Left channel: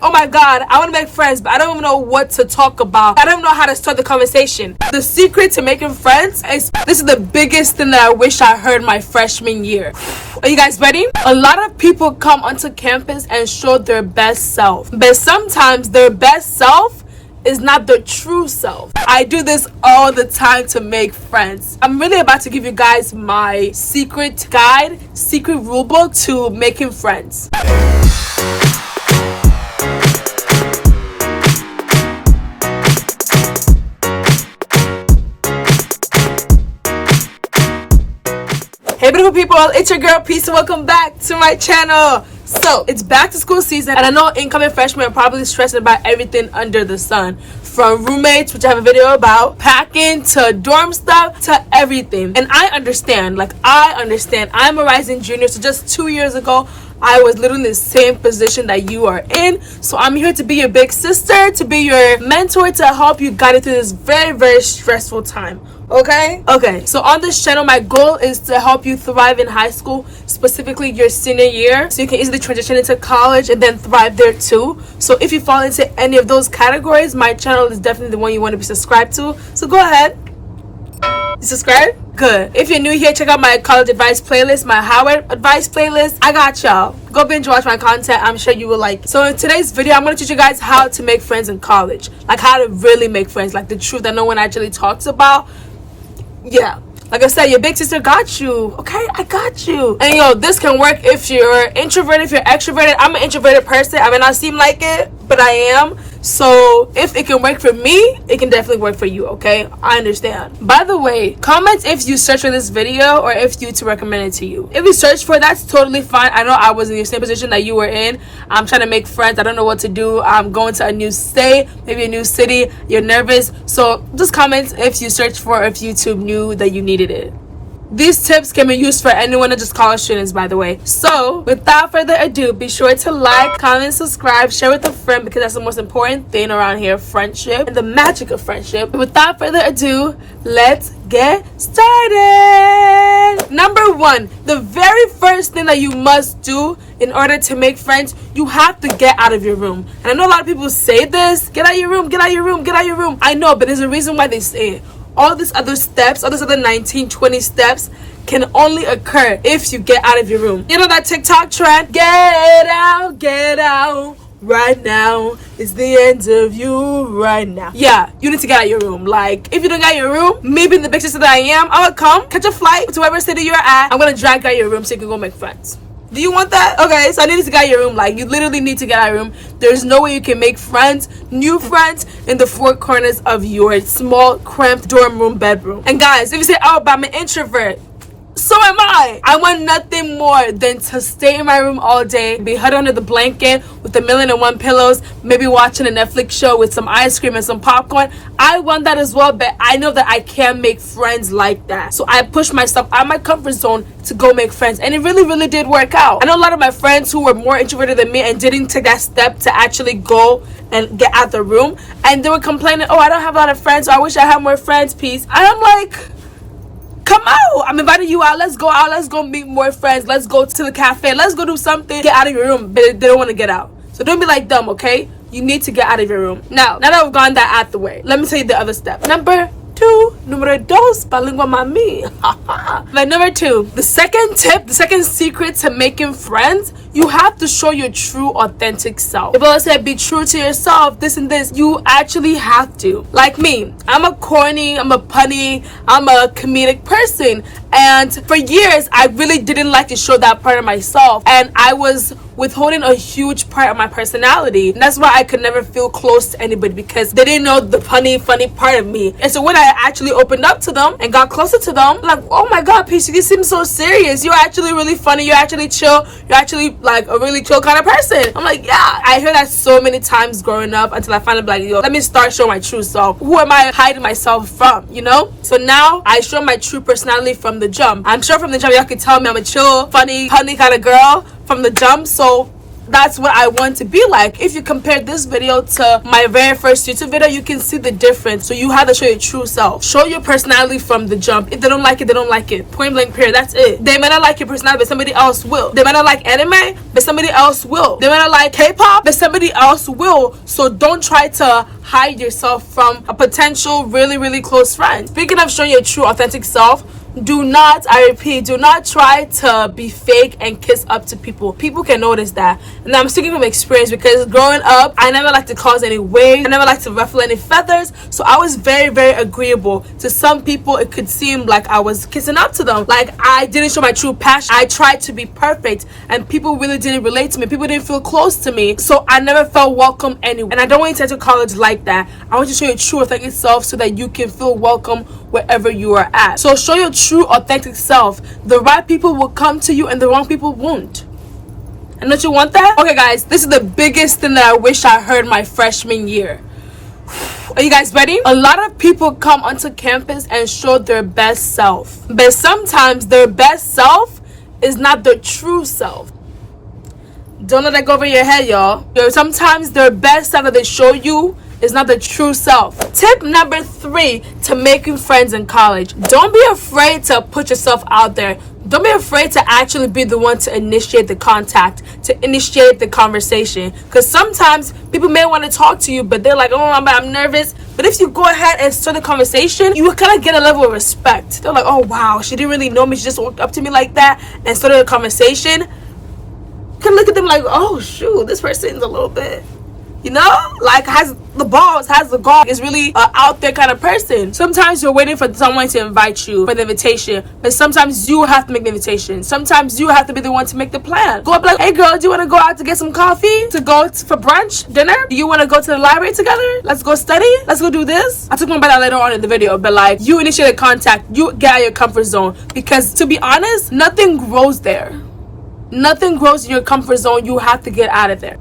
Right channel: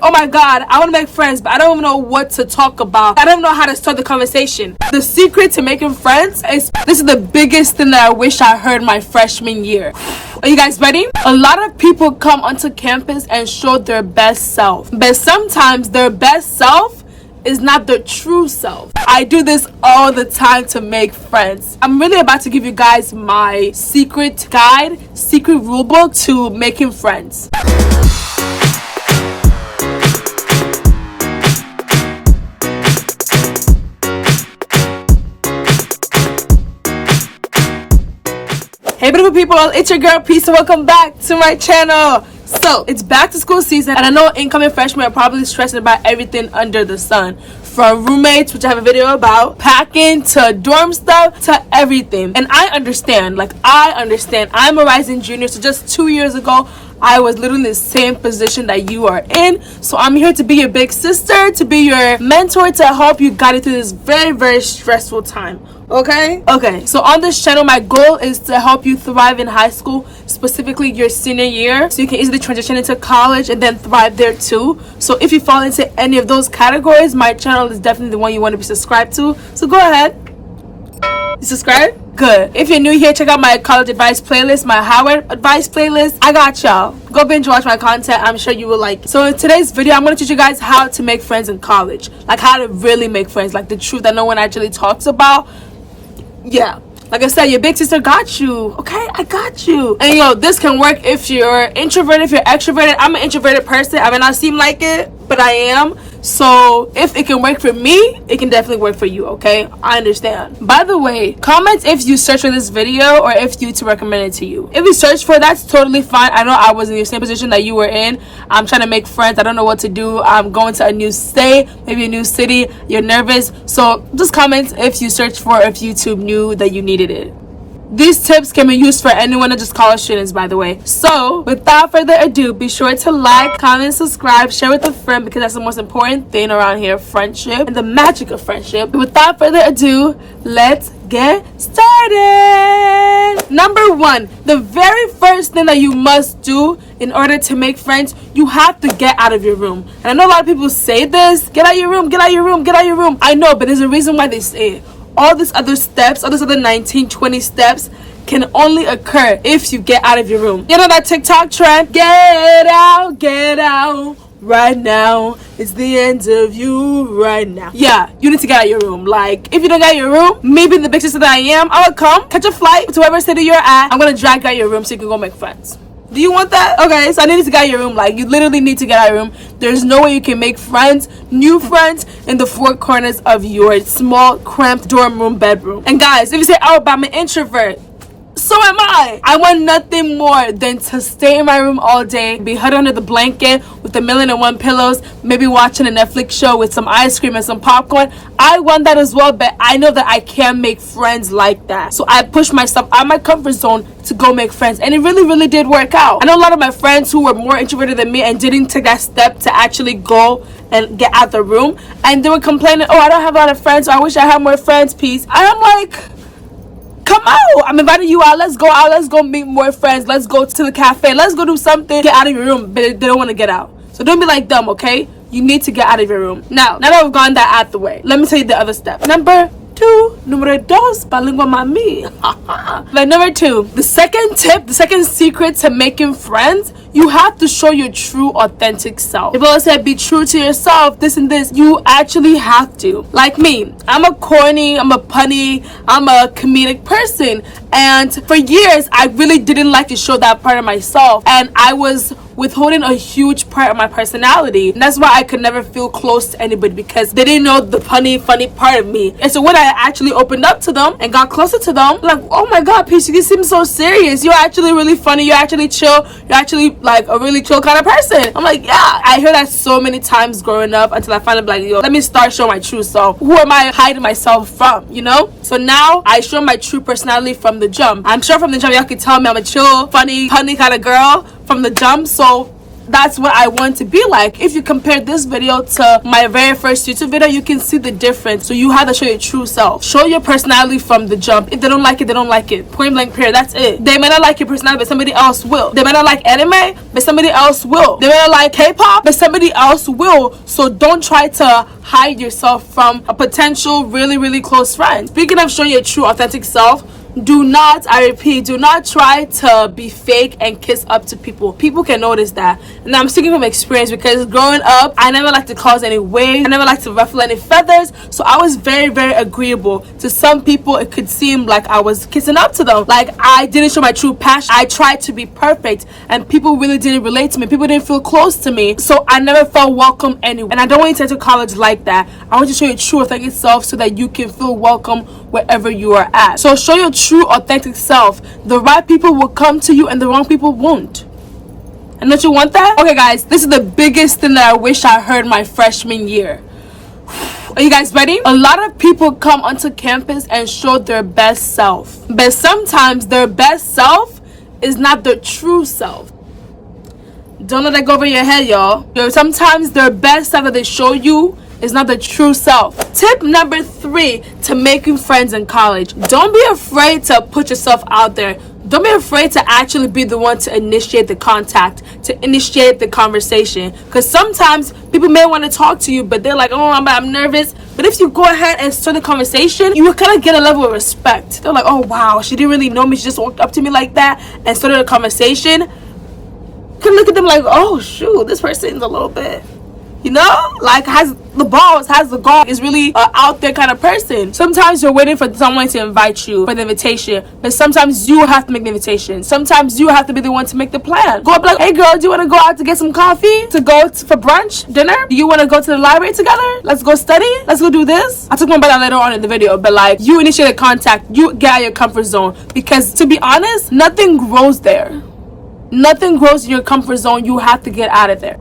Oh my god, I want to make friends, but I don't even know what to talk about. I don't know how to start the conversation. The secret to making friends is, this is the biggest thing that I wish I heard my freshman year. Are you guys ready? A lot of people come onto campus and show their best self, but sometimes their best self is not the true self. I do this all the time to make friends. I'm really about to give you guys my secret guide, secret rulebook to making friends. Hey beautiful people, it's your girl Peace and welcome back to my channel. So it's back to school season, and I know incoming freshmen are probably stressed about everything under the sun, from roommates, which I have a video about, packing, to dorm stuff, to everything. And I understand. I'm a rising junior, so just 2 years ago I was literally in the same position that you are in. So I'm here to be your big sister, to be your mentor, to help you guide through this very, very stressful time. Okay, so on this channel, my goal is to help you thrive in high school, specifically your senior year, so you can easily transition into college and then thrive there too. So if you fall into any of those categories, my channel is definitely the one you want to be subscribed to. So go ahead. You subscribe? Good. If you're new here, check out my college advice playlist, my Howard advice playlist. I got y'all. Go binge watch my content. I'm sure you will like it. So in today's video, I'm going to teach you guys how to make friends in college. Like how to really make friends. Like the truth that no one actually talks about. Yeah, like I said, your big sister got you. Okay, I got you. And this can work if you're introverted, if you're extroverted. I'm an introverted person. I may not seem like it, but I am. So if it can work for me, it can definitely work for you. Okay, I understand. By the way, comment if you search for this video or if YouTube recommended it to you. If you search for it, that's totally fine. I know I was in the same position that you were in. I'm trying to make friends. I don't know what to do. I'm going to a new state, maybe a new city. You're nervous. So just comment if you search for, if YouTube knew that you needed it. These tips can be used for anyone that just college students, by the way. So without further ado, be sure to like, comment, subscribe, share with a friend, because that's the most important thing around here, friendship and the magic of friendship. Without further ado, let's get started. Number one, the very first thing that you must do in order to make friends, you have to get out of your room. And I know a lot of people say this, get out of your room, get out of your room, get out of your room. I know, but there's a reason why they say it. All these other steps, all these other 19, 20 steps can only occur if you get out of your room. You know that TikTok trend? Get out right now. It's the end of you right now. Yeah, you need to get out of your room. Like, if you don't get out of your room, maybe in the big sister that I am, I'll come, catch a flight to whatever city you're at. I'm gonna drag you out of your room so you can go make friends. Do you want that? Okay, so I need to get out of your room. Like, you literally need to get out of your room. There's no way you can make friends, new friends, in the four corners of your small, cramped dorm room bedroom. And guys, if you say, oh, but I'm an introvert, so am I. I want nothing more than to stay in my room all day, be huddled under the blanket with 1,000,001 pillows, maybe watching a Netflix show with some ice cream and some popcorn. I want that as well, but I know that I can't make friends like that. So I push myself out of my comfort zone to go make friends, and it really, really did work out. I know a lot of my friends who were more introverted than me and didn't take that step to actually go and get out the room, and they were complaining, oh, I don't have a lot of friends, I wish I had more friends, Peace. And I'm like, come out. I'm inviting you out. Let's go out. Let's go meet more friends. Let's go to the cafe. Let's go do something. Get out of your room. But they don't want to get out. So don't be like them, okay? You need to get out of your room. Now that we've gone that out the way, let me tell you the other step. Number two, número dos, palingua mami. But number two, the second tip, the second secret to making friends, you have to show your true, authentic self. If I said be true to yourself, this and this, you actually have to. Like me, I'm a corny, I'm a punny, I'm a comedic person. And for years, I really didn't like to show that part of myself. And I was withholding a huge part of my personality. And that's why I could never feel close to anybody, because they didn't know the punny, funny part of me. And so when I actually opened up to them and got closer to them, like, oh my God, Peace, you seem so serious. You're actually really funny. You're actually chill. You're actually like a really chill kind of person. I'm like, yeah. I heard that so many times growing up until I finally like, yo, let me start showing my true self. Who am I hiding myself from, you know? So now I show my true personality from the jump. I'm sure from the jump y'all can tell me I'm a chill, funny, punny kind of girl from the jump. So that's what I want to be like. If you compare this video to my very first YouTube video, you can see the difference. So you have to show your true self. Show your personality from the jump. If they don't like it, they don't like it. Point blank period. That's it. They may not like your personality, but somebody else will. They may not like anime, but somebody else will. They may not like K-pop, but somebody else will. So don't try to hide yourself from a potential really close friend. Speaking of showing your true authentic self, do not, I repeat, do not try to be fake and kiss up to people. People can notice that. And I'm speaking from experience, because growing up, I never liked to cause any waves. I never liked to ruffle any feathers. So I was very agreeable. To some people, it could seem like I was kissing up to them. Like I didn't show my true passion. I tried to be perfect, and people really didn't relate to me. People didn't feel close to me. So I never felt welcome anywhere. And I don't want you to enter college like that. I want you to show your true authentic self so that you can feel welcome wherever you are at. So show your true authentic self. The right people will come to you and the wrong people won't. And don't you want that? Okay guys, this is the biggest thing that I wish I heard my freshman year. Are you guys ready? A lot of people come onto campus and show their best self, but sometimes their best self is not their true self. Don't let that go over your head, y'all. Sometimes their best self that they show you is not the true self. Tip number 3 to making friends in college. Don't be afraid to put yourself out there. Don't be afraid to actually be the one to initiate the contact, to initiate the conversation. Because sometimes people may want to talk to you, but they're like, oh, I'm nervous. But if you go ahead and start the conversation, you kind of get a level of respect. They're like, oh, wow, she didn't really know me. She just walked up to me like that and started a conversation. You can look at them like, oh, shoot, this person's a little bit, you know, like has the balls, has the gall, is really out there kind of person. Sometimes you're waiting for someone to invite you for the invitation, but sometimes you have to make the invitation. Sometimes you have to be the one to make the plan. Go up like, hey girl, do you want to go out to get some coffee? To go for brunch, dinner? Do you want to go to the library together? Let's go study? Let's go do this? I'll talk more about that later on in the video, but like, you initiate a contact, you get out of your comfort zone, because to be honest, nothing grows there. Nothing grows in your comfort zone. You have to get out of there.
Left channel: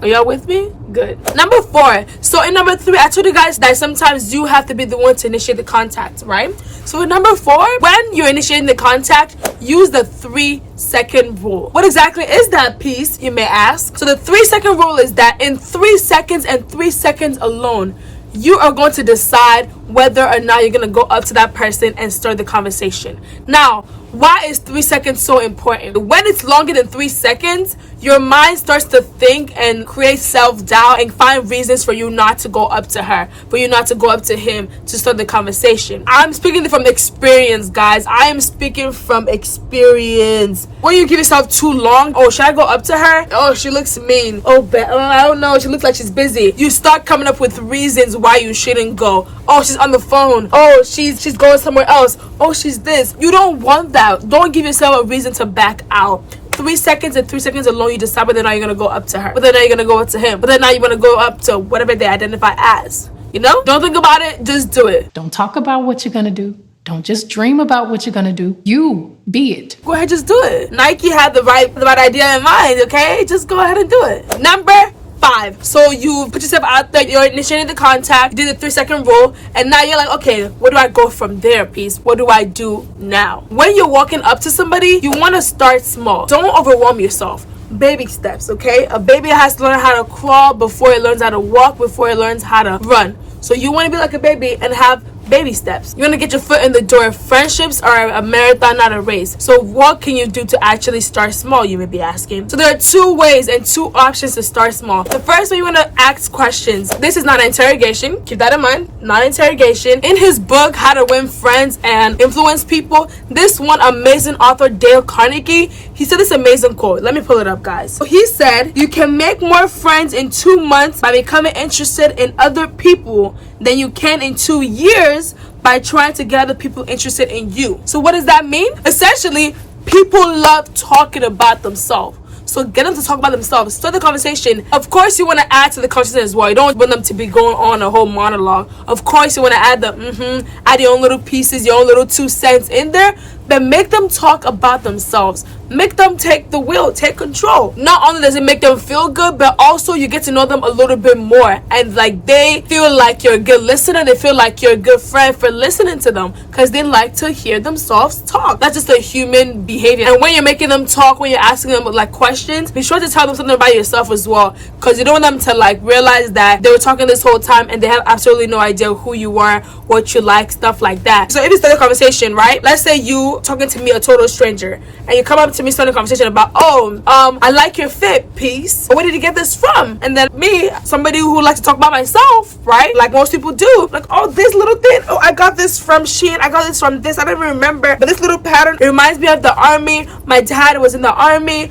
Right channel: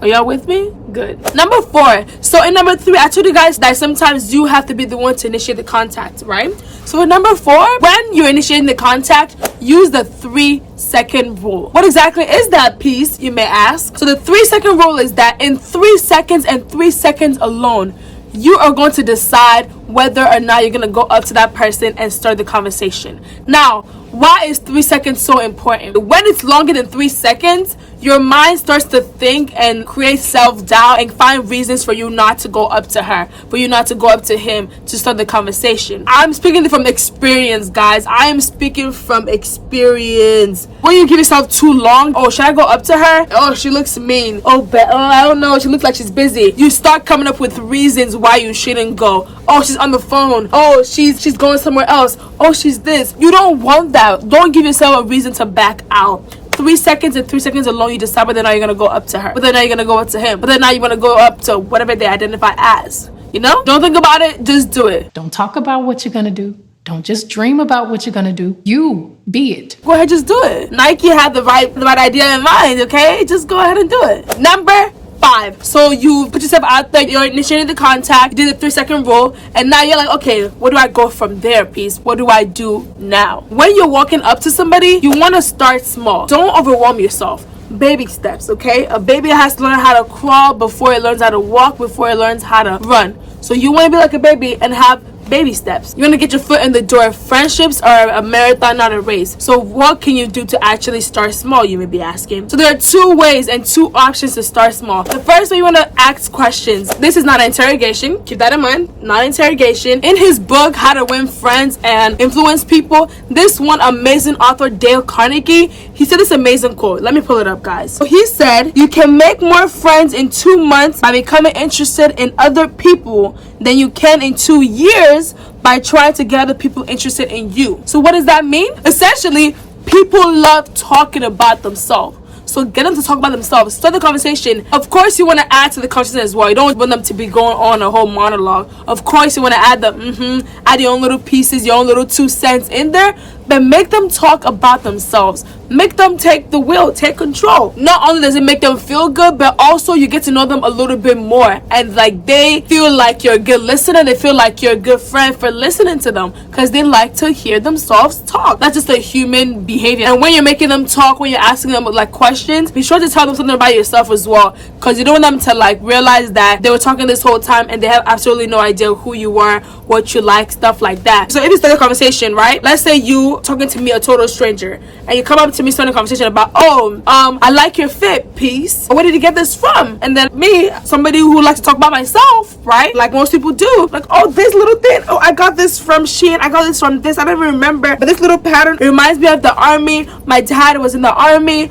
Are y'all with me? Good. Number 4. So in number 3, I told you guys that sometimes you have to be the one to initiate the contact, right? So for number 4, when you're initiating the contact, use the 3-second rule. What exactly is that piece, you may ask? So the 3-second rule is that in 3 seconds and 3 seconds alone, you are going to decide whether or not you're going to go up to that person and start the conversation. Now, why is 3 seconds so important? When it's longer than 3 seconds, your mind starts to think and create self-doubt and find reasons for you not to go up to her, for you not to go up to him to start the conversation. I'm speaking from experience, guys. I am speaking from experience. When you give yourself too long, oh, should I go up to her? Oh, she looks mean. Oh, I don't know. She looks like she's busy. You start coming up with reasons why you shouldn't go. Oh, she's on the phone. Oh, she's going somewhere else. Oh, she's this. You don't want that. Don't give yourself a reason to back out. 3 seconds and 3 seconds alone, you decide whether or not you're gonna go up to her, whether or not you're gonna go up to him, whether or not you want to go up to whatever they identify as. You know, don't think about it, just do it. Don't talk about what you're gonna do. Don't just dream about what you're gonna do. You be it. Go ahead, just do it. Nike had the right idea in mind. Okay, just go ahead and do it. Number 5. So you put yourself out there, you're initiating the contact, you did the 3-second rule, and now you're like, okay, where do I go from there, peace? What do I do now? When you're walking up to somebody, you want to start small. Don't overwhelm yourself. Baby steps, okay? A baby has to learn how to crawl before it learns how to walk, before it learns how to run. So you want to be like a baby and have baby steps. You want to get your foot in the door. Friendships are a marathon, not a race. So what can you do to actually start small, you may be asking? So there are 2 ways and 2 options to start small. The first way, you want to ask questions. This is not an interrogation. Keep that in mind. Not interrogation. In his book, How to Win Friends and Influence People, this one amazing author, Dale Carnegie, he said this amazing quote. Let me pull it up, guys. So he said, you can make more friends in 2 months by becoming interested in other people than you can in 2 years by trying to get other people interested in you. So what does that mean? Essentially, people love talking about themselves. So get them to talk about themselves. Start the conversation. Of course, you want to add to the conversation as well. You don't want them to be going on a whole monologue. Of course, you want to add the add your own little pieces, your own little 2 cents in there, but make them talk about themselves. Make them take the wheel, take control. Not only does it make them feel good, but also you get to know them a little bit more, and like they feel like you're a good listener. They feel like you're a good friend for listening to them, because they like to hear themselves talk. That's just a human behavior. And when you're making them talk, when you're asking them like questions, be sure to tell them something about yourself as well, because you don't want them to like realize that they were talking this whole time and they have absolutely no idea who you are, what you like, stuff like that. So if you start a conversation, right, let's say you talking to me, a total stranger, and you come up to me starting a conversation about, I like your fit, Peace. Where did you get this from? And then me, somebody who likes to talk about myself, right, like most people do, like, oh, this little thing, oh, I got this from Shein, I got this from this, I don't even remember, but this little pattern, it reminds me of the army. My dad was in the army,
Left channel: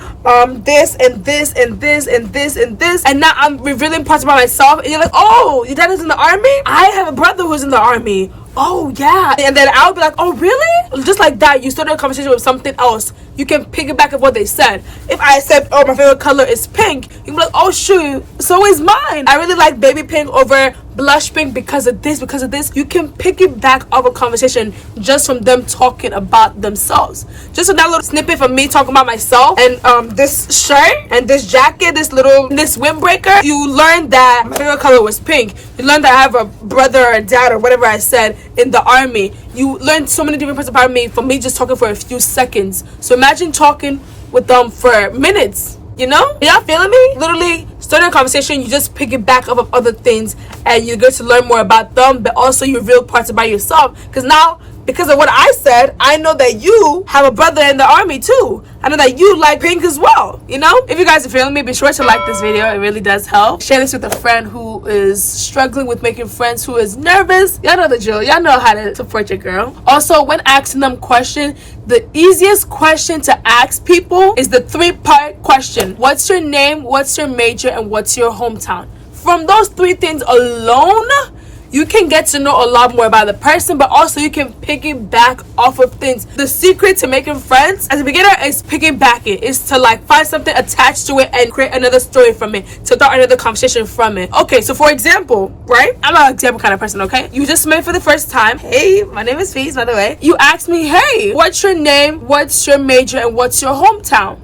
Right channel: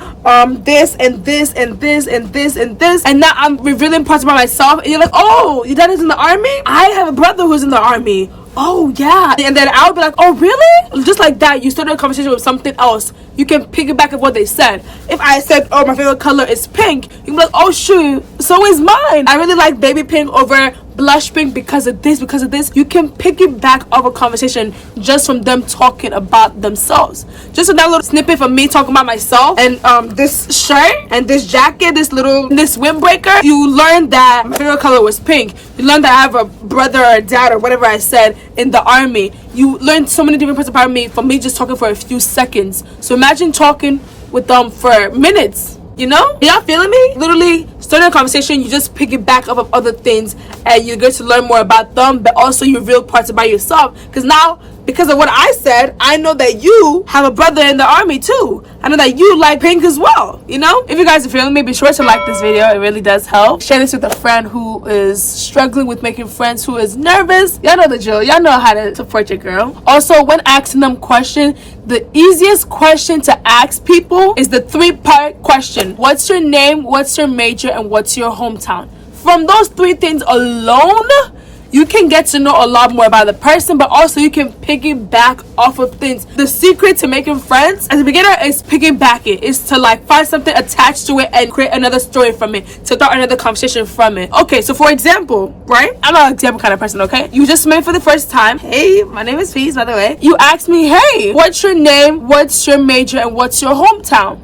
this and this and this and this and this, and now I'm revealing parts about myself, and you're like, oh, your dad is in the army? I have a brother who's in the army. Oh yeah. And then I'll be like, oh really? Just like that, you started a conversation with something else. You can piggyback of what they said. If I said, oh, my favorite color is pink, you can be like, oh shoot, so is mine. I really like baby pink over blush pink because of this, because of this. You can piggyback off a conversation just from them talking about themselves. Just a little snippet from me talking about myself, and this shirt and this jacket, this windbreaker, you learned that my favorite color was pink. You learned that I have a brother or a dad or whatever I said in the army. You learned so many different parts about me from me just talking for a few seconds. So imagine talking with them for minutes, you know? Y'all feeling me? Literally starting a conversation, you just piggyback off of other things and you get to learn more about them, but also you reveal parts about yourself, because now, because of what I said, I know that you have a brother in the army too. I know that you like pink as well, you know? If you guys are feeling me, be sure to like this video. It really does help. Share this with a friend who is struggling with making friends, who is nervous. Y'all know the drill. Y'all know how to support your girl. Also, when asking them questions, the easiest question to ask people is the 3-part question. What's your name? What's your major? And what's your hometown? From those 3 things alone, you can get to know a lot more about the person, but also you can piggyback off of things. The secret to making friends as a beginner is piggyback it. Is to like find something attached to it and create another story from it, to start another conversation from it. Okay, so for example, right? I'm an example kind of person, okay? You just met for the first time. Hey, my name is Peace, by the way. You asked me, hey, what's your name? What's your major? And what's your hometown?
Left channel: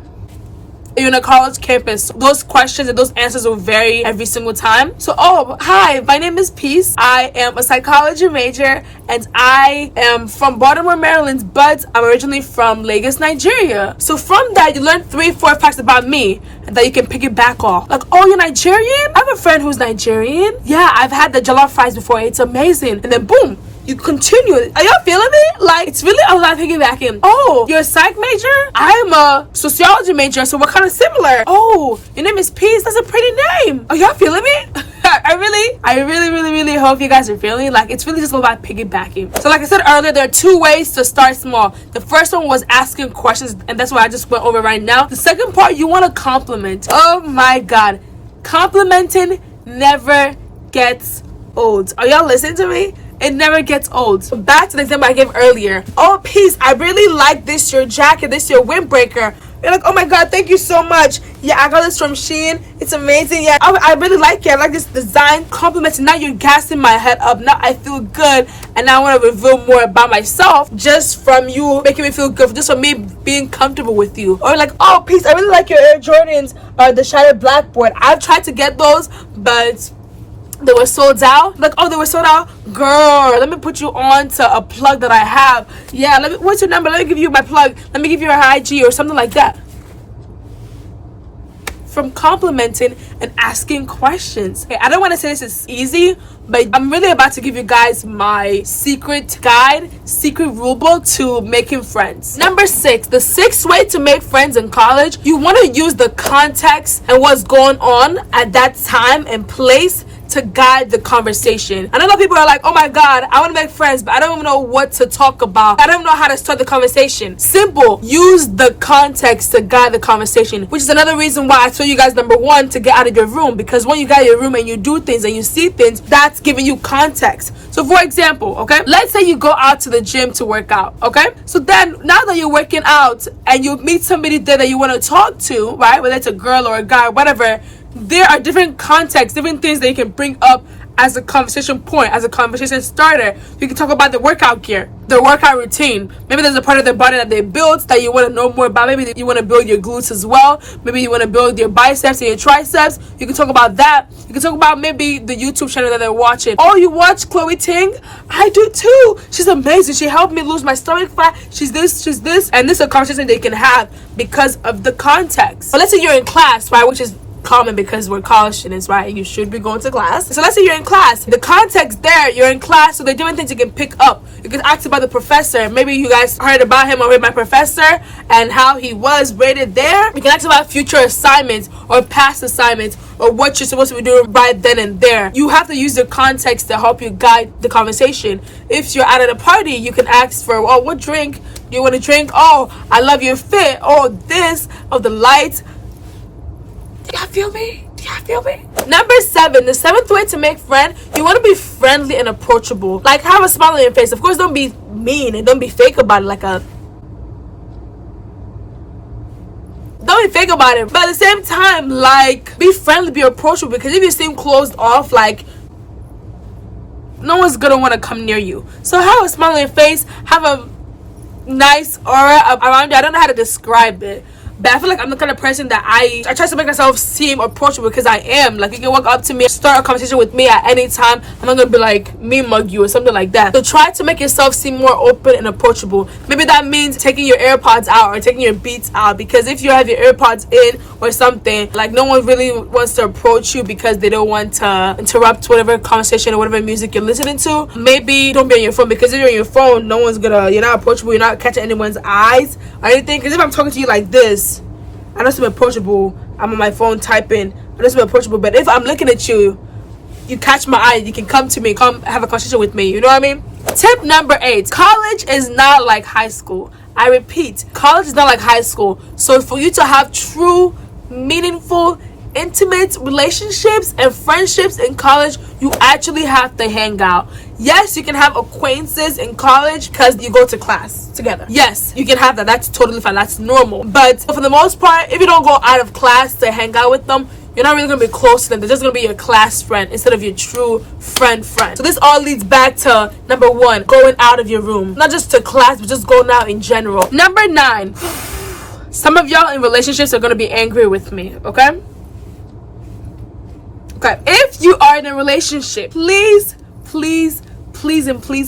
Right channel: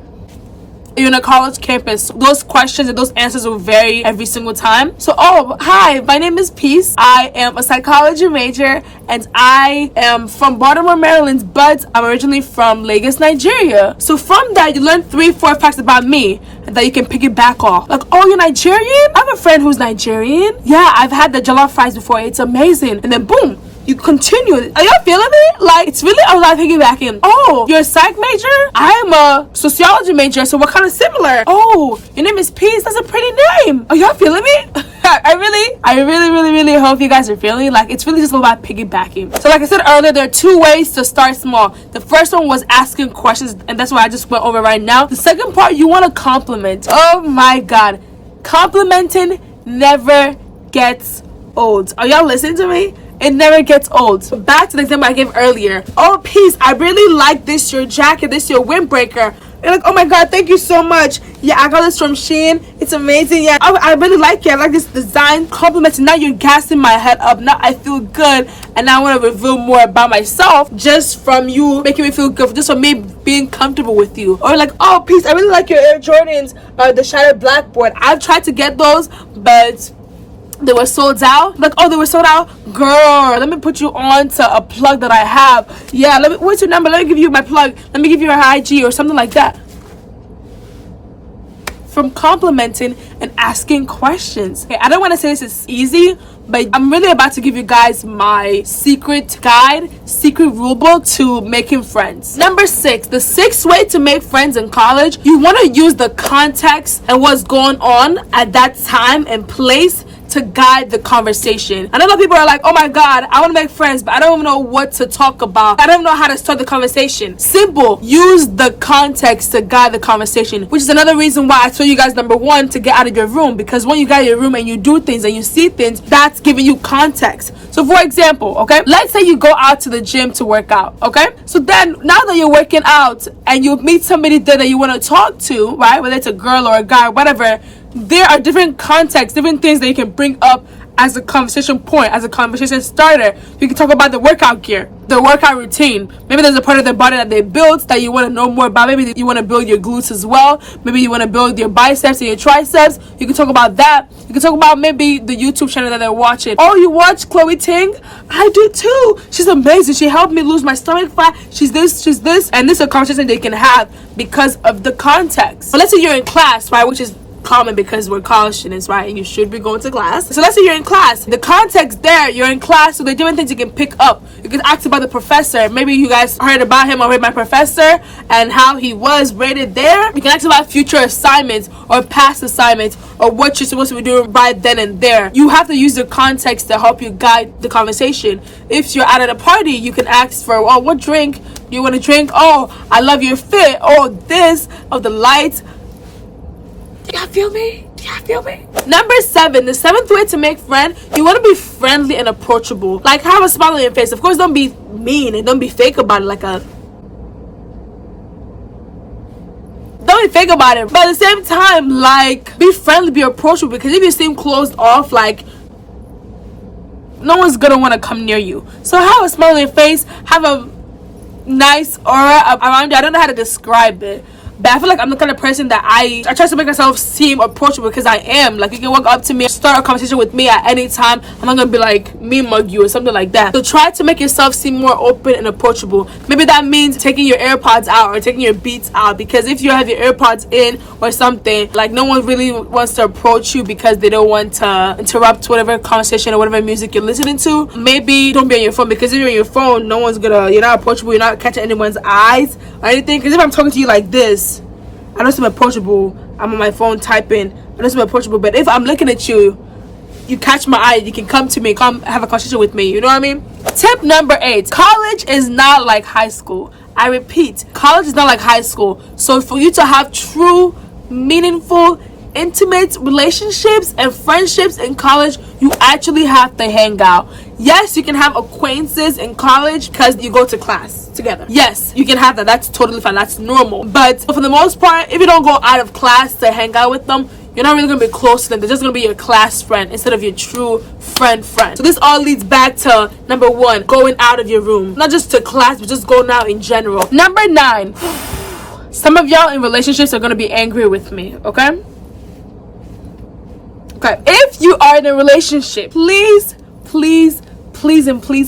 You're in a college campus. Those questions and those answers will vary every single time. So, oh, hi, my name is Peace. I am a psychology major and I am from Baltimore, Maryland, but I'm originally from Lagos, Nigeria. So from that, you learn 3-4 facts about me and that you can pick it back off. Like, oh, you're Nigerian? I have a friend who's Nigerian. Yeah, I've had the jollof fries before. It's amazing. And then boom, you continue. Are y'all feeling it? Like, it's really a lot piggybacking. Oh, you're a psych major? I'm a sociology major, so we're kind of similar. Oh, your name is Peace. That's a pretty name. Are y'all feeling me? I really hope you guys are feeling like it's really just all about piggybacking. So like I said earlier, there are 2 ways to start small. The first one was asking questions, and that's what I just went over right now. The second part, you want to compliment. Oh my God. Complimenting never gets old. Are y'all listening to me? It never gets old. So back to the example I gave earlier. Oh, Peace, I really like this, your jacket, this, your windbreaker. You're like, oh my God, thank you so much. Yeah, I got this from Shein. It's amazing. Yeah, I really like it. I like this design. Compliments. Now you're gassing my head up. Now I feel good. And now I want to reveal more about myself just from you making me feel good. Just from me being comfortable with you. Or like, oh, Peace, I really like your Air Jordans, the Shattered Blackboard. I've tried to get those, but they were sold out. Like, oh, they were sold out. Girl, let me put you on to a plug that I have. Yeah, what's your number? Let me give you my plug. Let me give you her IG or something like that. From complimenting and asking questions. Okay, I don't want to say this is easy, but I'm really about to give you guys my secret guide, secret rule book to making friends. Number 6, the 6th way to make friends in college. You want to use the context and what's going on at that time and place to guide the conversation. I know people are like, oh my God, I want to make friends, but I don't even know what to talk about. I don't know how to start the conversation. Simple. Use the context to guide the conversation, which is another reason why I told you guys, number 1, to get out of your room, because when you get out of your room and you do things and you see things, that's giving you context. So for example, okay, let's say you go out to the gym to work out, okay? So then now that you're working out and you meet somebody there that you want to talk to, right? Whether it's a girl or a guy, whatever, there are different contexts, different things that you can bring up as a conversation point, as a conversation starter. You can talk about the workout gear, the workout routine. Maybe there's a part of their body that they built that you want to know more about. Maybe you want to build your glutes as well. Maybe you want to build your biceps and your triceps. You can talk about that. You can talk about maybe the YouTube channel that they're watching. Oh, you watch Chloe Ting? I do too. She's amazing. She helped me lose my stomach fat. She's this, she's this. And this is a conversation they can have because of the context. So let's say you're in class, right, which is common because we're college students, right? And you should be going to class. So let's say you're in class. The context there, you're in class, so there are different things you can pick up. You can ask about the professor. Maybe you guys heard about him or heard my professor and how he was rated there. You can ask about future assignments or past assignments or what you're supposed to be doing right then and there. You have to use the context to help you guide the conversation. If you're out at a party, you can ask for, oh, what drink do you want to drink? Oh, I love your fit. Oh, this. Oh, the lights. Do y'all feel me? Do y'all feel me? Number 7, the 7th way to make friends, you want to be friendly and approachable. Like, have a smile on your face. Of course, don't be mean and don't be fake about it. Don't be fake about it. But at the same time, like, be friendly, be approachable. Because if you seem closed off, like, no one's going to want to come near you. So have a smile on your face. Have a nice aura around you. I don't know how to describe it. But I feel like I'm the kind of person that I try to make myself seem approachable because I am. Like, you can walk up to me, start a conversation with me at any time. I'm not going to be like, me mug you or something like that. So try to make yourself seem more open and approachable. Maybe that means taking your AirPods out or taking your Beats out. Because if you have your AirPods in or something, like, no one really wants to approach you because they don't want to interrupt whatever conversation or whatever music you're listening to. Maybe don't be on your phone, because if you're on your phone, no one's gonna, you're not approachable, you're not catching anyone's eyes or anything. Because if I'm talking to you like this, I don't seem approachable. I'm on my phone typing. I don't seem approachable. But if I'm looking at you, you catch my eye, you can come to me, come have a conversation with me. You know what I mean? Tip number 8. College is not like high school. I repeat, college is not like high school. So for you to have true, meaningful, intimate relationships and friendships in college, you actually have to hang out. Yes, you can have acquaintances in college because you go to class together. Yes, you can have that. That's totally fine. That's normal. But for the most part, if you don't go out of class to hang out with them, you're not really going to be close to them. They're just going to be your class friend instead of your true friend. So this all leads back to number 1, going out of your room. Not just to class, but just going out in general. Number 9. Some of y'all in relationships are going to be angry with me, okay? Okay, if you are in a relationship, please,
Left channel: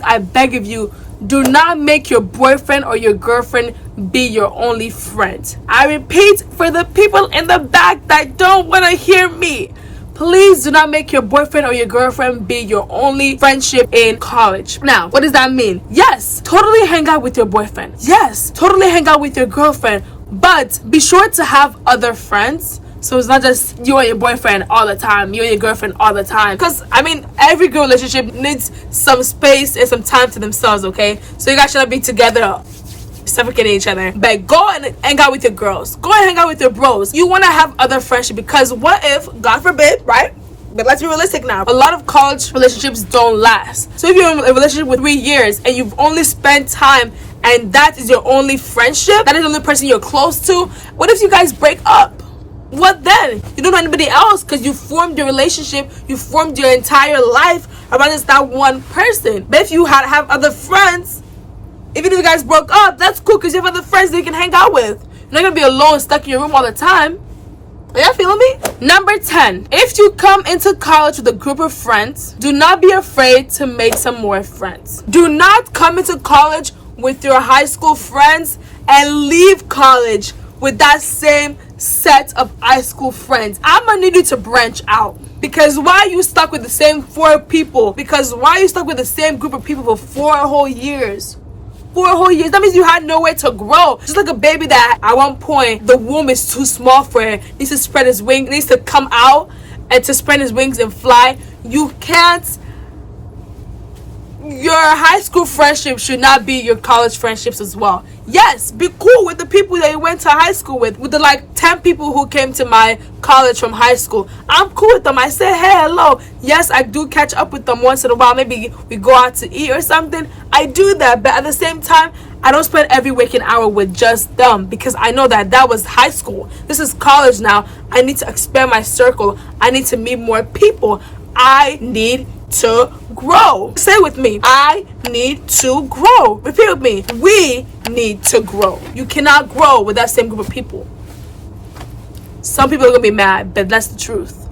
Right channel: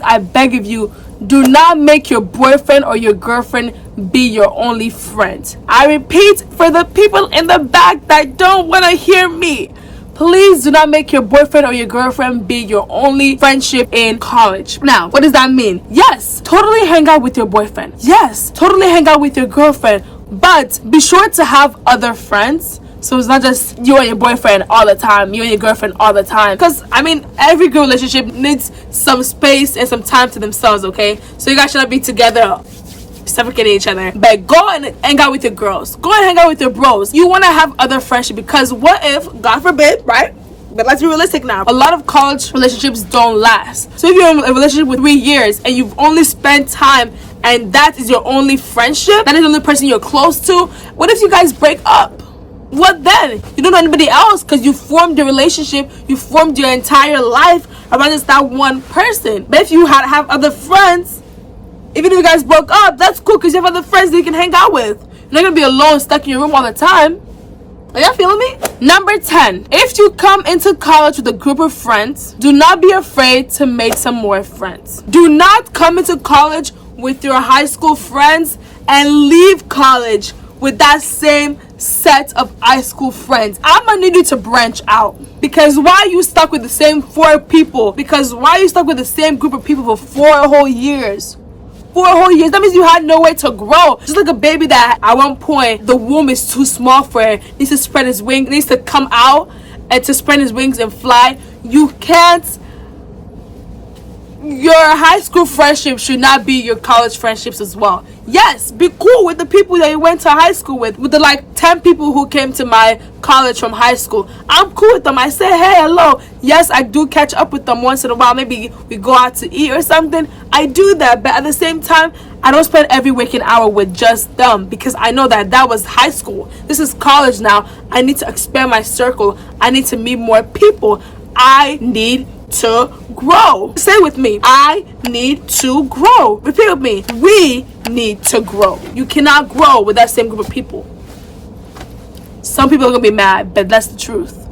I beg of you, do not make your boyfriend or your girlfriend be your only friend. I repeat, for the people in the back that don't want to hear me, please do not make your boyfriend or your girlfriend be your only friendship in college. Now, what does that mean? Yes, totally hang out with your boyfriend. Yes, totally hang out with your girlfriend. But be sure to have other friends. So it's not just you and your boyfriend all the time, you and your girlfriend all the time. Because, I mean, every good relationship needs some space and some time to themselves, okay? So you guys shouldn't be together suffocating each other. But go and hang out with your girls. Go and hang out with your bros. You want to have other friendship, because what if, God forbid, right? But let's be realistic now. A lot of college relationships don't last. So if you're in a relationship with 3 years and you've only spent time and that is your only friendship, that is the only person you're close to, what if you guys break up? What then? You don't know anybody else because you formed your relationship, you formed your entire life around just that one person. But if you have other friends, even if you guys broke up, that's cool because you have other friends that you can hang out with. You're not going to be alone, stuck in your room all the time. Are y'all feeling me? Number 10. If you come into college with a group of friends, do not be afraid to make some more friends. Do not come into college with your high school friends and leave college with that same set of high school friends. I'm gonna need you to branch out. Because why are you stuck with the same 4 people? Because why are you stuck with the same group of people for 4 whole years? 4 whole years. That means you had nowhere to grow. Just like a baby that at one point the womb is too small for it. Needs to spread his wings, needs to come out and to spread his wings and fly. You can't. Your high school friendships should not be your college friendships as well. Yes, be cool with the people that you went to high school with the like 10 people who came to my college from high school. I'm cool with them. I say, hey, hello. Yes, I do catch up with them once in a while. Maybe we go out to eat or something. I do that, but at the same time, I don't spend every waking hour with just them because I know that was high school. This is college now. I need to expand my circle. I need to meet more people. I need to grow. Say it with me. I need to grow. Repeat with me. We need to grow. You cannot grow with that same group of people. Some people are going to be mad, but that's the truth.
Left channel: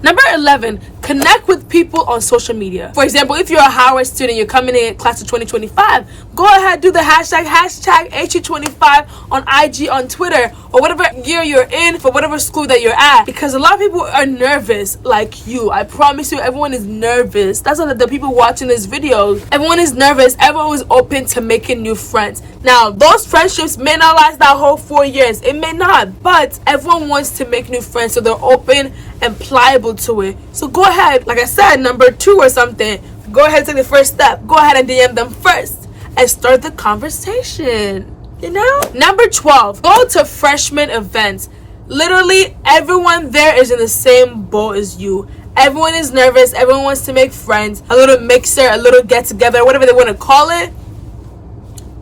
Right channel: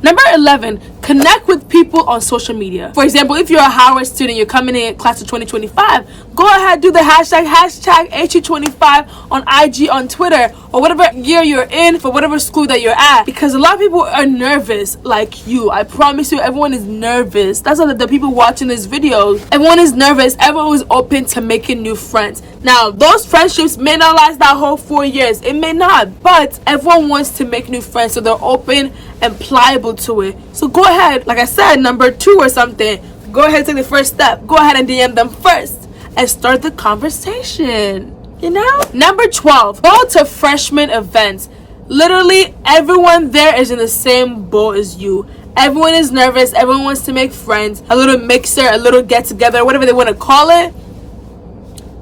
Number 11, connect with people on social media. For example, if you're a Howard student, you're coming in class of 2025, go ahead, do the hashtag HU25 on IG, on Twitter, or whatever year you're in for whatever school that you're at. Because a lot of people are nervous like you. I promise you, everyone is nervous. That's why the people watching this video, everyone is nervous. Everyone is open to making new friends. Now, those friendships may not last that whole 4 years. It may not. But everyone wants to make new friends, so they're open and pliable to it. So go ahead, like I said, number 2 or something, go ahead and take the first step. Go ahead and DM them first and start the conversation, you know? Number 12, go to freshman events. Literally everyone there is in the same boat as you. Everyone is nervous. Everyone wants to make friends. A little mixer, a little get together, whatever they want to call it.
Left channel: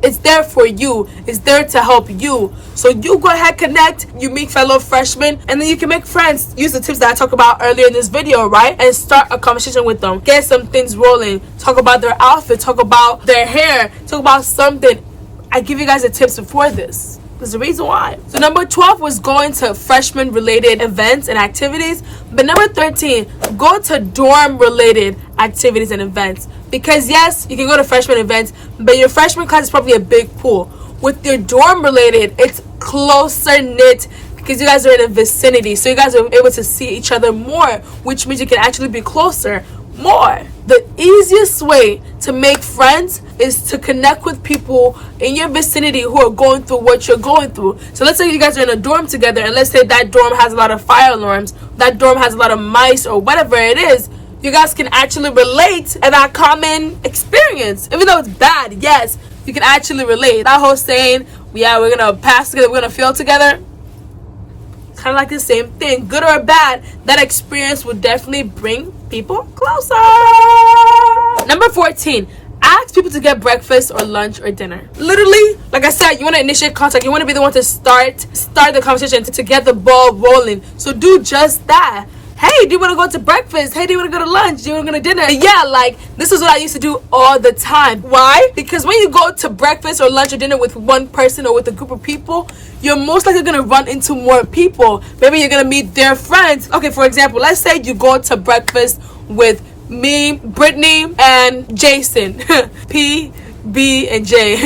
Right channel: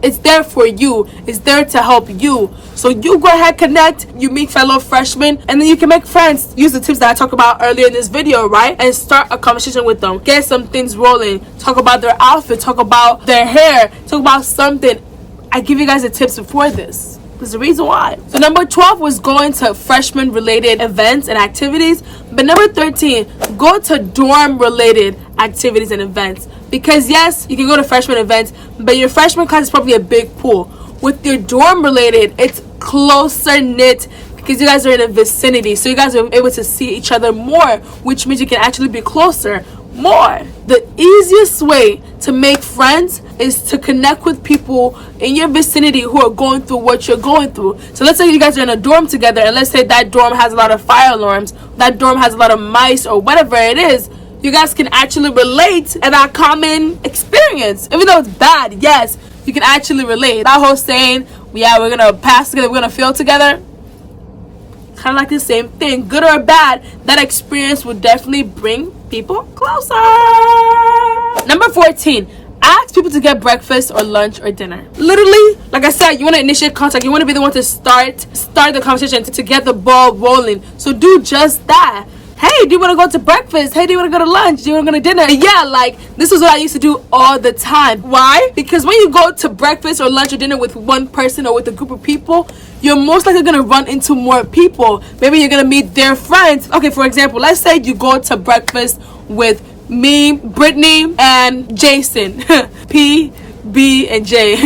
It's there for you. It's there to help you. So you go ahead, connect, you meet fellow freshmen, and then you can make friends. Use the tips that I talked about earlier in this video, right? And start a conversation with them. Get some things rolling. Talk about their outfit. Talk about their hair. Talk about something. I give you guys the tips before this. There's a reason why. So number 12 was going to freshman related events and activities. But number 13, go to dorm related activities and events. Because yes, you can go to freshman events, but your freshman class is probably a big pool. With your dorm related, it's closer knit because you guys are in a vicinity. So you guys are able to see each other more, which means you can actually be closer more. The easiest way to make friends is to connect with people in your vicinity who are going through what you're going through. So let's say you guys are in a dorm together, and let's say that dorm has a lot of fire alarms, that dorm has a lot of mice or whatever it is. You guys can actually relate in that common experience. Even though it's bad, yes, you can actually relate. That whole saying, yeah, we're going to pass together, we're going to fail together. Kind of like the same thing. Good or bad, that experience will definitely bring people closer. Number 14, ask people to get breakfast or lunch or dinner. Literally, like I said, you want to initiate contact. You want to be the one to start the conversation, to get the ball rolling. So do just that. Hey, do you want to go to breakfast? Hey, do you want to go to lunch? Do you want to go to dinner? Yeah, like, this is what I used to do all the time. Why? Because when you go to breakfast or lunch or dinner with one person or with a group of people, you're most likely going to run into more people. Maybe you're going to meet their friends. Okay, for example, let's say you go to breakfast with me, Brittany, and Jason. P, B, and J.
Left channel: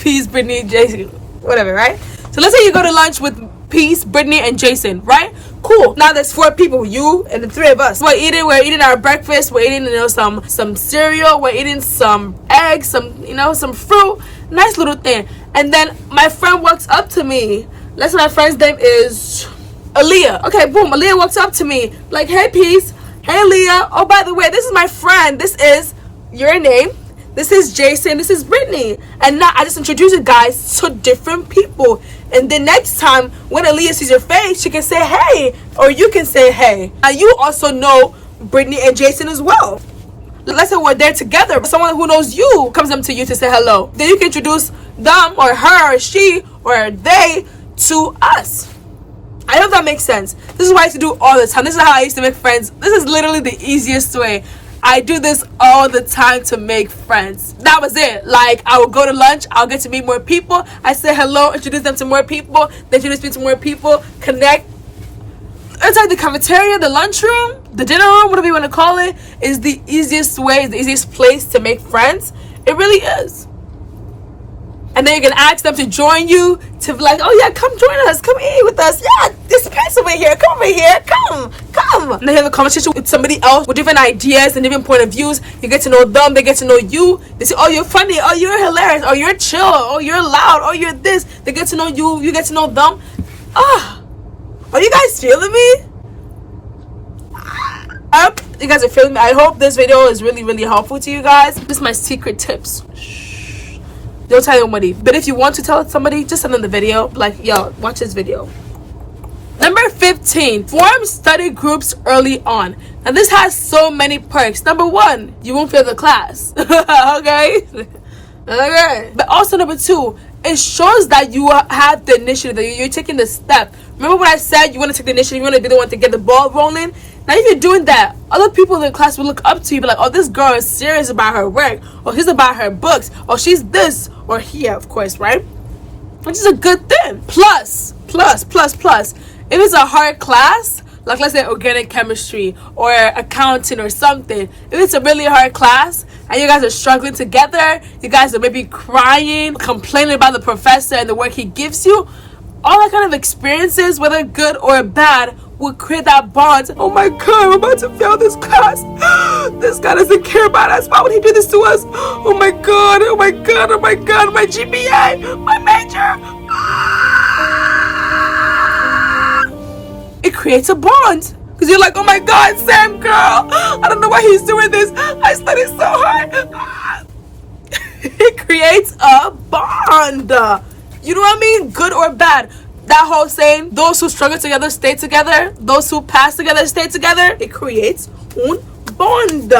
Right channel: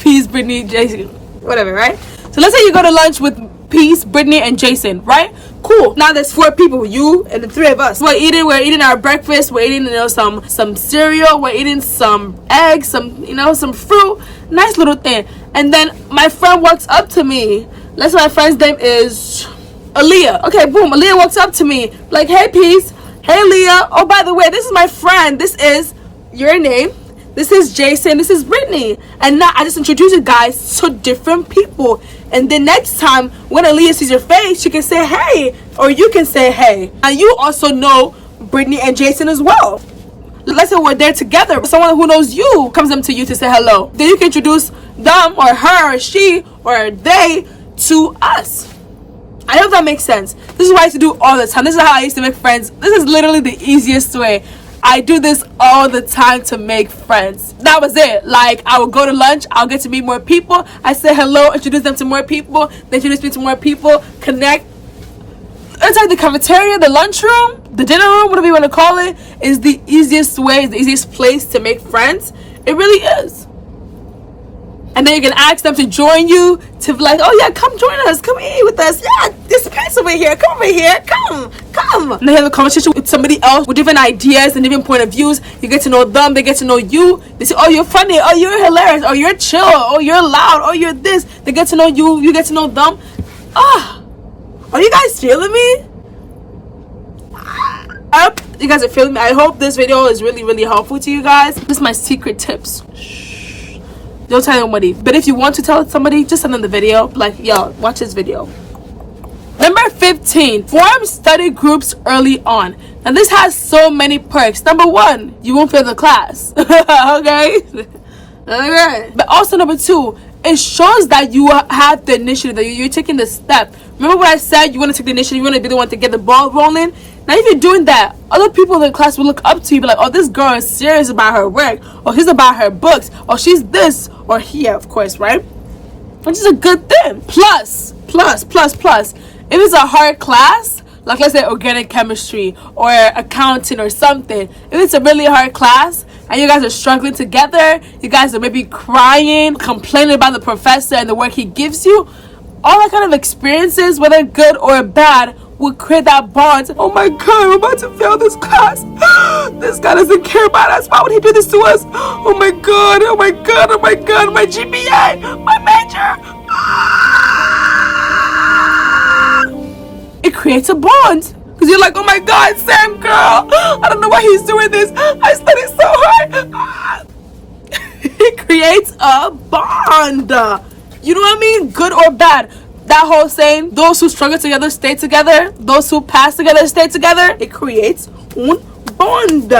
P's, Brittany, Jason. Whatever, right? So let's say you go to lunch with Peace, Brittany, and Jason, right? Cool. Now there's 4 people, you and the 3 of us. We're eating our breakfast. We're eating, some cereal. We're eating some eggs, some fruit. Nice little thing. And then my friend walks up to me. Let's say my friend's name is Aaliyah. Okay, boom. Aaliyah walks up to me like, hey, Peace. Hey, Aaliyah. Oh, by the way, this is my friend. This is your name. This is Jason. This is Brittany. And now I just introduced you guys to different people. And then next time, when Aaliyah sees your face, she can say, hey, or you can say, hey. And you also know Brittany and Jason as well. Let's say we're there together. Someone who knows you comes up to you to say hello. Then you can introduce them or her or she or they to us. I hope that makes sense. This is what I used to do all the time. This is how I used to make friends. This is literally the easiest way. I do this all the time to make friends. That was it. Like, I would go to lunch, I'll get to meet more people. I say hello, introduce them to more people, they introduce me to more people, connect. Inside the cafeteria, the lunchroom, the dinner room, whatever you want to call it, is the easiest way, the easiest place to make friends. It really is. And then you can ask them to join you, to be like, oh yeah, come join us, come eat with us. Yeah, this place over here, come over here, come. And then have a conversation with somebody else with different ideas and different point of views. You get to know them, they get to know you. They say, oh, you're funny, oh, you're hilarious, oh, you're chill, oh, you're loud, oh, you're this. They get to know you, you get to know them. Are you guys feeling me? I hope you guys are feeling me. I hope this video is really, really helpful to you guys. This is my secret tips. Don't tell anybody, but if you want to tell somebody, just send them the video. Like, yo, watch this video. Number 15, form study groups early on. And this has so many perks. Number 1, you won't fail the class. Okay? But also number 2, it shows that you have the initiative, that you're taking the step. Remember what I said? You want to take the initiative, you want to be the one to get the ball rolling. Now if you're doing that, other people in the class will look up to you, be like, oh, this girl is serious about her work, or she's about her books, or she's this, or here, of course, right? Which is a good thing. Plus, if it's a hard class, like let's say organic chemistry or accounting or something, if it's a really hard class and you guys are struggling together, you guys are maybe crying, complaining about the professor and the work he gives you, all that kind of experiences, whether good or bad, will create that bond. Oh my god, I'm about to fail this class. This guy doesn't care about us. Why would he do this to us? Oh my god, oh my god, oh my god, my GPA, my major. It creates a bond. Because you're like, oh my god, Sam girl, I don't know why he's doing this. I studied so hard. It creates a bond. You know what I mean? Good or bad. That whole saying, those who struggle together stay together, those who pass together stay together. It creates un bond.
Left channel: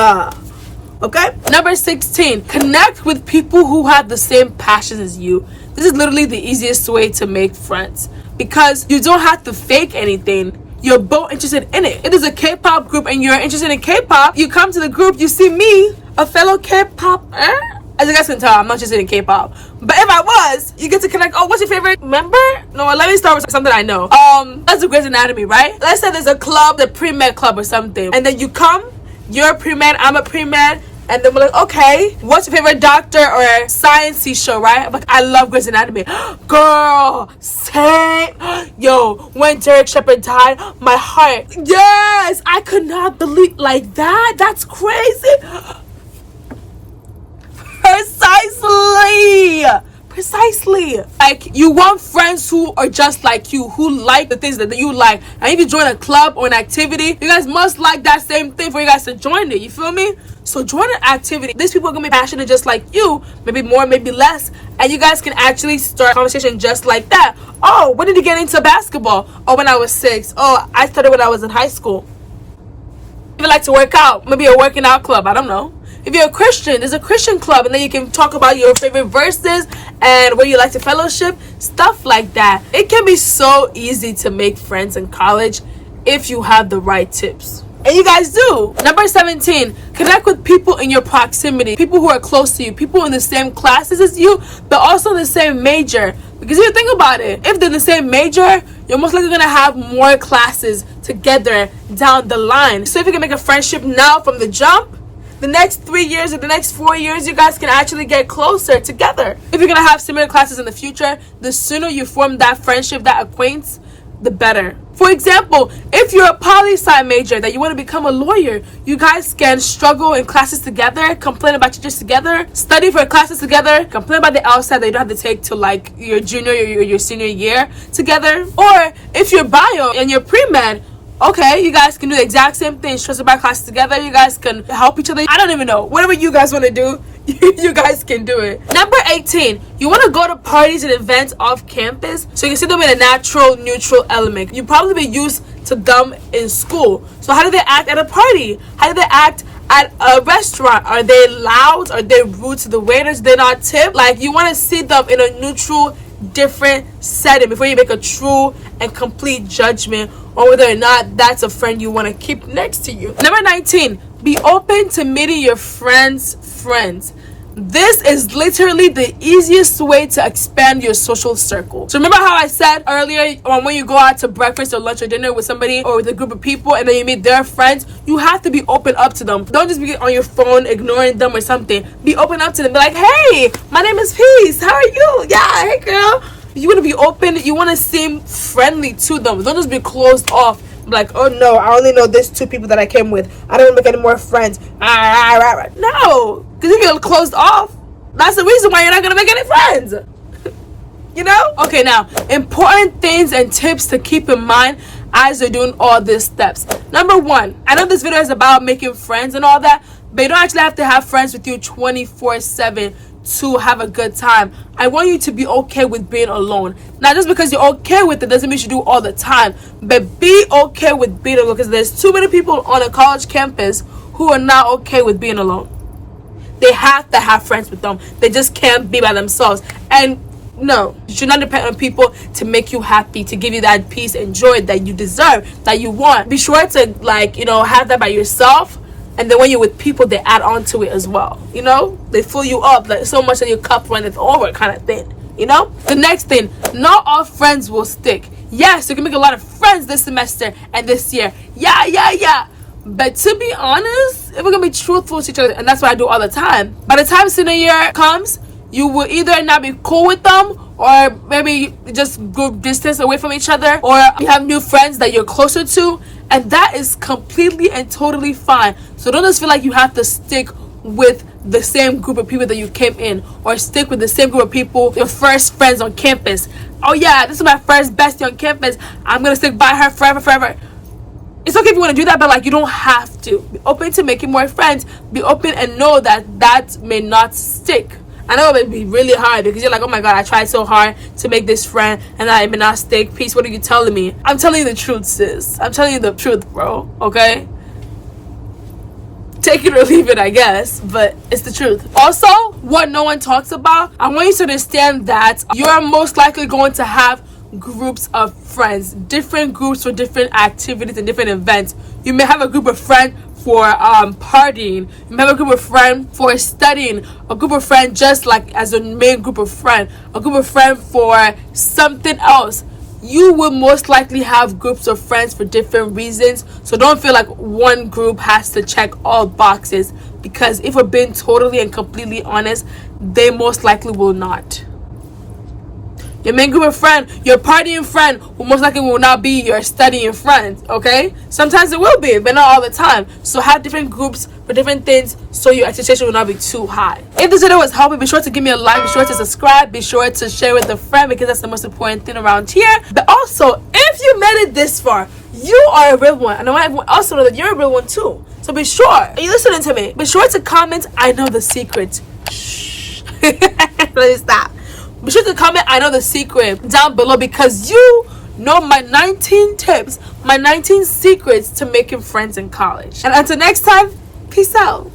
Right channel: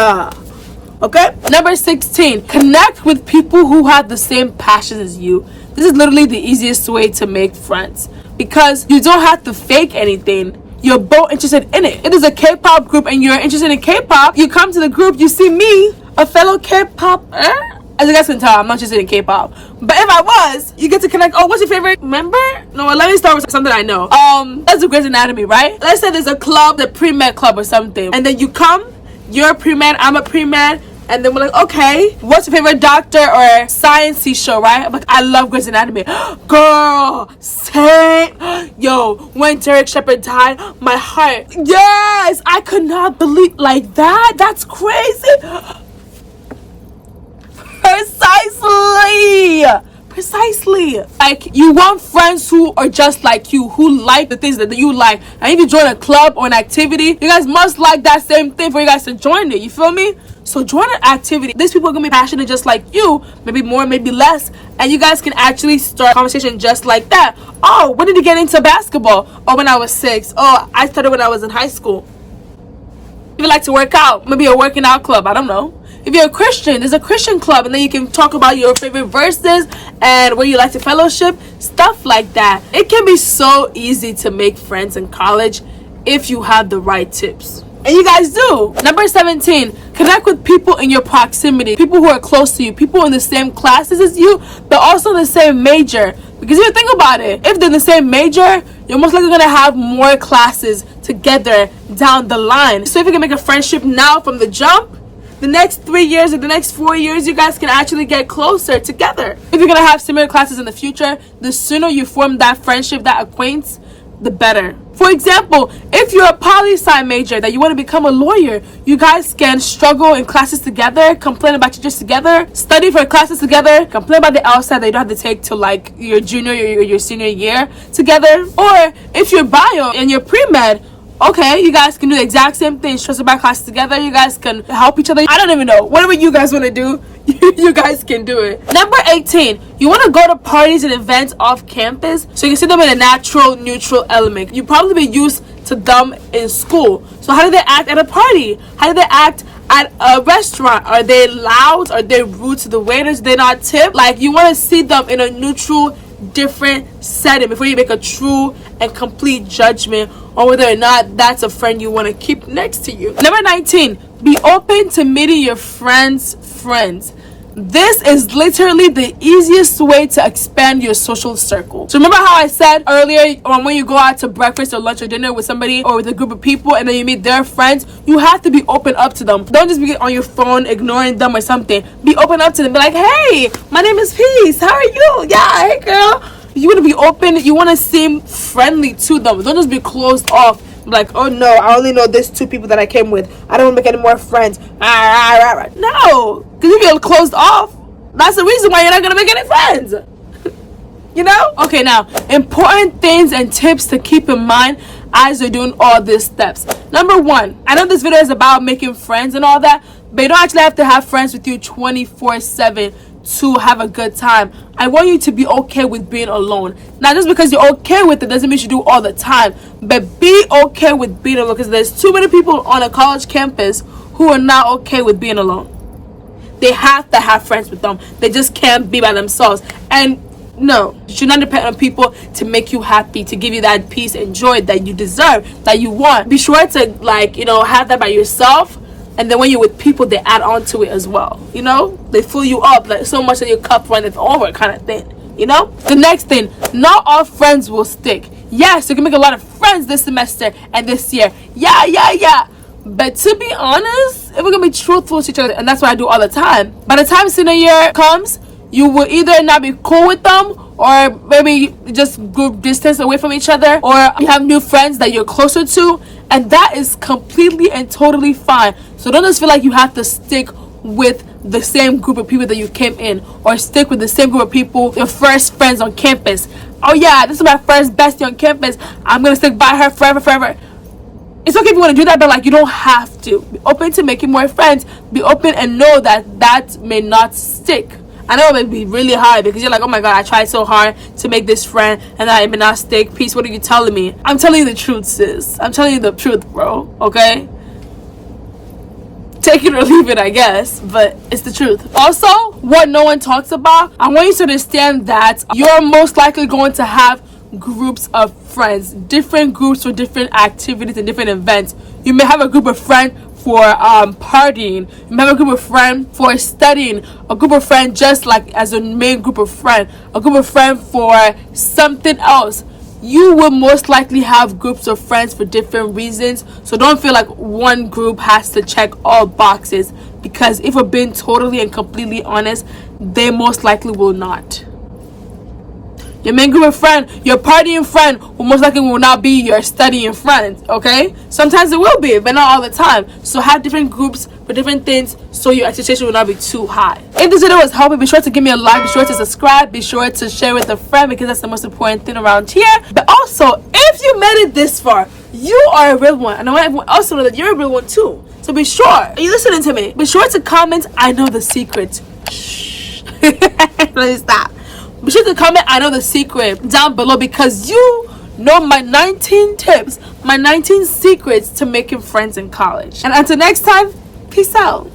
Okay? Number 16, connect with people who have the same passions as you. This is literally the easiest way to make friends because you don't have to fake anything. You're both interested in it. If there's a K-pop group and you're interested in K-pop, you come to the group, you see me, a fellow K-pop. As you guys can tell, I'm not interested in K-pop. But if I was, you get to connect. Oh, what's your favorite member? No, let me start with something I know. That's the Grey's Anatomy, right? Let's say there's a club, the pre-med club or something. And then you come, you're a pre-med, I'm a pre-med. And then we're like, okay, what's your favorite doctor or science-y show, right? I'm like, I love Grey's Anatomy. Girl, same. Yo, when Derek Shepherd died, my heart. Yes, I could not believe like that. That's crazy. Precisely. Like, you want friends who are just like you, who like the things that you like. And if you join a club or an activity, you guys must like that same thing for you guys to join it. You feel me? So join an activity. These people are gonna be passionate just like you, maybe more, maybe less, and you guys can actually start a conversation just like that. Oh, when did you get into basketball? Oh, when I was 6. Oh, I started when I was in high school. If you like to work out, maybe a working out club, I don't know. If you're a Christian, there's a Christian club, and then you can talk about your favorite verses and where you like to fellowship, stuff like that. It can be so easy to make friends in college if you have the right tips. And you guys do. Number 17, connect with people in your proximity, people who are close to you, people in the same classes as you, but also in the same major. Because if you think about it, if they're in the same major, you're most likely gonna have more classes together down the line. So if you can make a friendship now from the jump, the next 3 years or the next 4 years, you guys can actually get closer together. If you're gonna have similar classes in the future, the sooner you form that friendship, that acquaintance, the better. For example, if you're a poli-sci major that you want to become a lawyer, you guys can struggle in classes together, complain about teachers together, study for classes together, complain about the LSAT that you don't have to take to like your junior or your senior year together. Or if you're bio and you're pre-med, okay, you guys can do the exact same thing, stress about classes together, you guys can help each other. I don't even know. Whatever you guys want to do, you guys can do it. Number 18, you want to go to parties and events off campus so you can see them in a natural, neutral element. You probably be used to them in school. So how do they act at a party? How do they act at a restaurant? Are they loud? Are they rude to the waiters? Do they not tip? Like, you want to see them in a neutral, different setting before you make a true and complete judgment on whether or not that's a friend you want to keep next to you. Number 19, be open to meeting your friends' friends. This is literally the easiest way to expand your social circle. So remember how I said earlier, when you go out to breakfast or lunch or dinner with somebody or with a group of people and then you meet their friends, you have to be open up to them. Don't just be on your phone ignoring them or something. Be open up to them. Be like, hey, my name is Peace. How are you? Yeah, hey girl. You want to be open. You want to seem friendly to them. Don't just be closed off. Like, oh no, I only know these 2 people that I came with. I don't want to make any more friends. No, because you get closed off. That's the reason why you're not going to make any friends. You know? Okay, now, important things and tips to keep in mind as you're doing all these steps. Number 1, I know this video is about making friends and all that, but you don't actually have to have friends with you 24/7 to have a good time. I want you to be okay with being alone. Now, just because you're okay with it doesn't mean you do all the time, but be okay with being alone, because there's too many people on a college campus who are not okay with being alone. They have to have friends with them. They just can't be by themselves. And No, you should not depend on people to make you happy, to give you that peace and joy that you deserve, that you want. Be sure to, like, you know, have that by yourself. And then when you're with people, they add on to it as well. You know, they fill you up like so much that your cup runneth over, kind of thing. You know, the next thing, not all friends will stick. Yes, you can make a lot of friends this semester and this year. Yeah. But to be honest, if we're gonna be truthful to each other, and that's what I do all the time, by the time senior year comes, you will either not be cool with them, or maybe just group distance away from each other, or you have new friends that you're closer to, and that is completely and totally fine. So don't just feel like you have to stick with the same group of people that you came in, or stick with the same group of people, your first friends on campus. Oh yeah, this is my first bestie on campus, I'm gonna stick by her forever. It's okay if you want to do that, but like, you don't have to. Be open to making more friends. Be open and know that that may not stick. I know it may be really hard because you're like, oh my god, I tried so hard to make this friend and I may not stick. Peace, what are you telling me? I'm telling you the truth, sis. I'm telling you the truth, bro. Okay? Take it or leave it, I guess, but it's the truth. Also, what no one talks about, I want you to understand that you're most likely going to have groups of friends, different groups for different activities and different events. You may have a group of friends for partying, you may have a group of friends for studying, a group of friends just like as a main group of friends, a group of friends for something else. You will most likely have groups of friends for different reasons, so don't feel like one group has to check all boxes, because if we're being totally and completely honest, they most likely will not. Your main group of friends, your partying friend, will most likely will not be your studying friend, okay? Sometimes it will be, but not all the time. So have different groups for different things so your expectation will not be too high. If this video was helpful, be sure to give me a like, be sure to subscribe, be sure to share with a friend, because that's the most important thing around here. But also, if you made it this far, you are a real one. And I want everyone else to know that you're a real one too. So be sure, are you listening to me? Be sure to comment, I know the secret. Shh. Let me stop. Be sure to comment, I know the secret, down below, because you know my 19 tips, my 19 secrets to making friends in college. And until next time, peace out.